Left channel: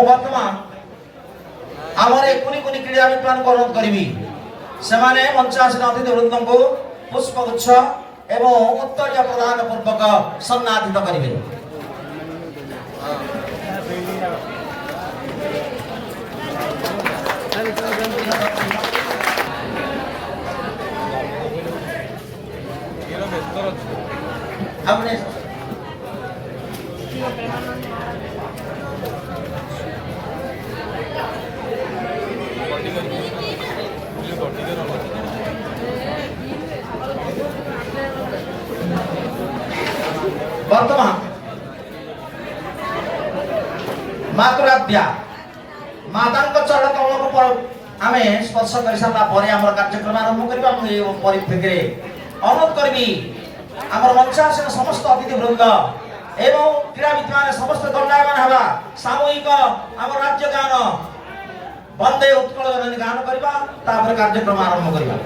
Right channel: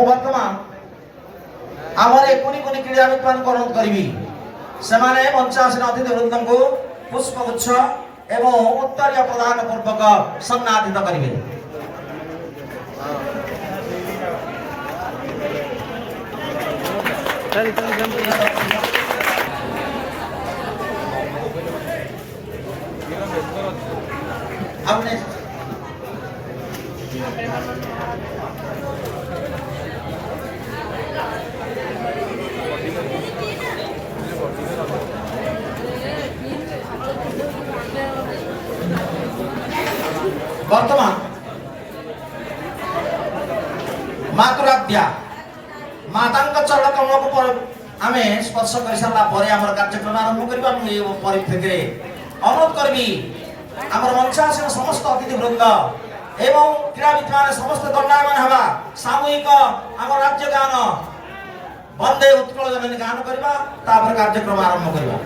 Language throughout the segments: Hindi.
मु वर्तमान आमर कुनी कुनी क्रीड़ाविद मान अनुरोध करी से मंच आसन अतिथि वृंद को पुष्पगुच्छ एवं उत्तरीय प्रदान पूर्वक सम्मानित करेंगे। वर्तमान मातुराध्या माता चरण कमल को आम स्पर्श कर सारा कार्यक्रम आरंभ करवा परिप्रेक्षी अनुरोध करी आमर मंचासन समस्त अतिथि वृंद एवं क्रीड़ाविद मान समस्त दंडायमान हवा सामूहिक आम राज्य गान वंदे उत्कल जननी गान करवा कार्यक्रम आरंभ करवा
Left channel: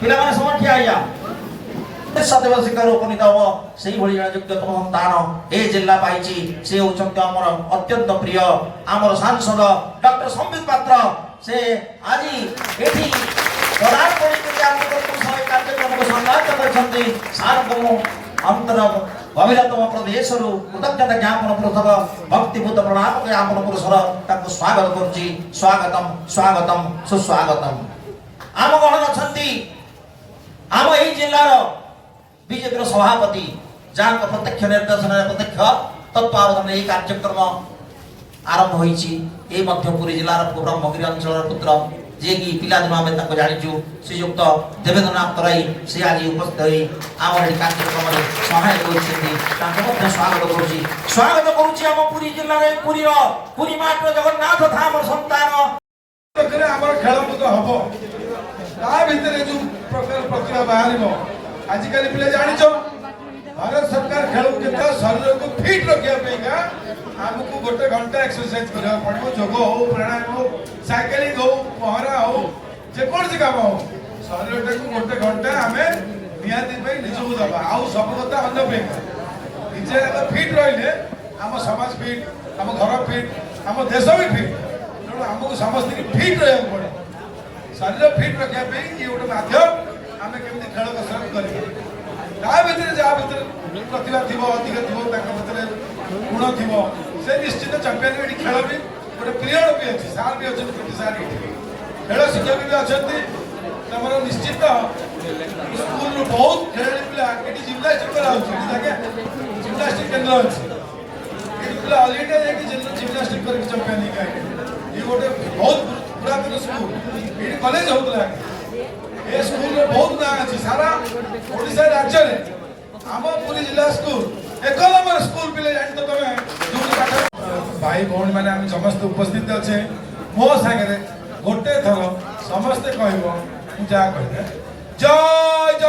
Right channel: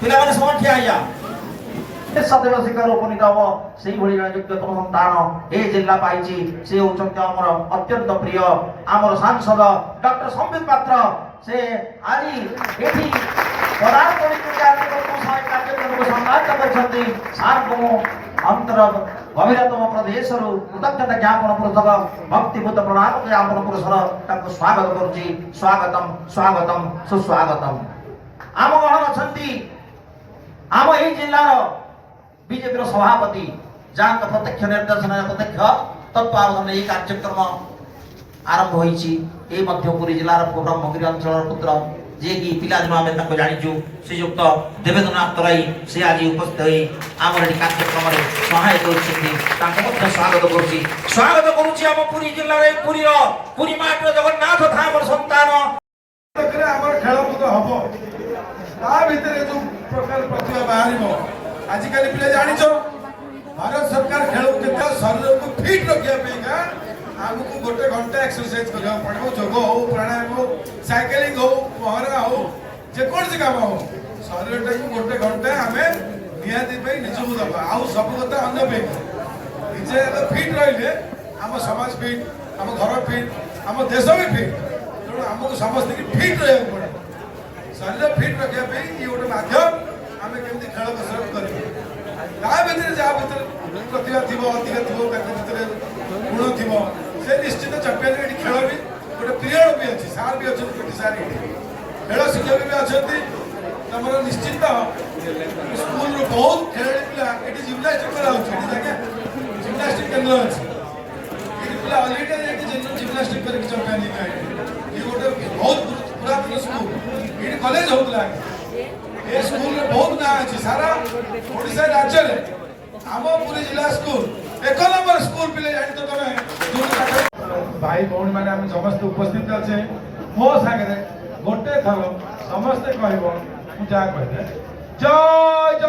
पिला समय ठिया हो जाओ सदैव शिखर उपनीत हम से योग्यतम संतान ए जिला पाई से होती आमर अत्यंत प्रिय आमर सांसद डॉक्टर संबित पात्र से आज ये कार्यक्रम को सम्मानित कर अंतर गभीरतम प्रदेश कृतज्ञता ज्ञापन पूर्वक भक्तिभूत प्रणाम ज्ञापन पुरस्कार स्वागत करुच्ची स्वागतम स्वागतम सुस्वागतम। आम गण अच्छा आम यही जिलार बीजेपी सभापति जहाँ प्रत्यक्ष निर्देशन प्रत्यक्ष तत्वावधान यही कार्यक्रम आरंभ होरी जिलार ब्रह्मगिरी अंचल पुत्र जे कि पिलादिन आम जाचु श्रीजुक्त देवेंद्रनाथ तराई से आज उपस्थित हो आम कार्यक्रम में सहायक होती स्वागत करुच्ची स्वागत करुच्ची आम पुरी जिले पुरी माट जगन्नाथ धाम संतान खेल कूद हम जो प्रकार प्रतिभा बाहर आजिकल पिला जानिछ भारत सरकार खेल के शरीर को फिट रखा आगु गोटे घंटा एक्सरसाइज करने पड़ो जोग हो प्राणायाम हो साइकिलिंग हो पहरा हो जेकोसी काम हो शरीर को गोटे घंटा आम निहाती निजक दबा आउ सब कथा अन्य निजे फिट रही आम समाज फिट आम घर फिट आम देश भी फिट तेणु आमको समस्त फिट रहा पड़े शरीर फिट रखापी ये गोटे माध्यम आम केमी खेल कसरत करें जहाँ प्रतिभा थी अधिक थी गुण थी से निश्चित चैंपियन खेल भी गोटे पीरियड भी अच्छी सार भी अच्छे छोटी सार भी खेल शिक्षक भी अच्छा निश्चित स्कूल बहुत खेल पिला जिम्नास्टिक जिम्नास्टिक केन्द्र अच्छी पिला अलरेडी जिम्नास्टिक कर चैंपियन ये गोटे बहुत पुरातन स्कूल ये कॉलेज होता ये स्कूल में बहुत ना अच्छी सारा ओडिशा राज्य में आम पुरी जिला स्कूल 1 नंबर स्कूल पिले जानी तो तुम भाई भौणी मैंने समस्त उपस्थित अच्छे मो सागे गोटे थर समस्ते कह जय जगन्नाथ।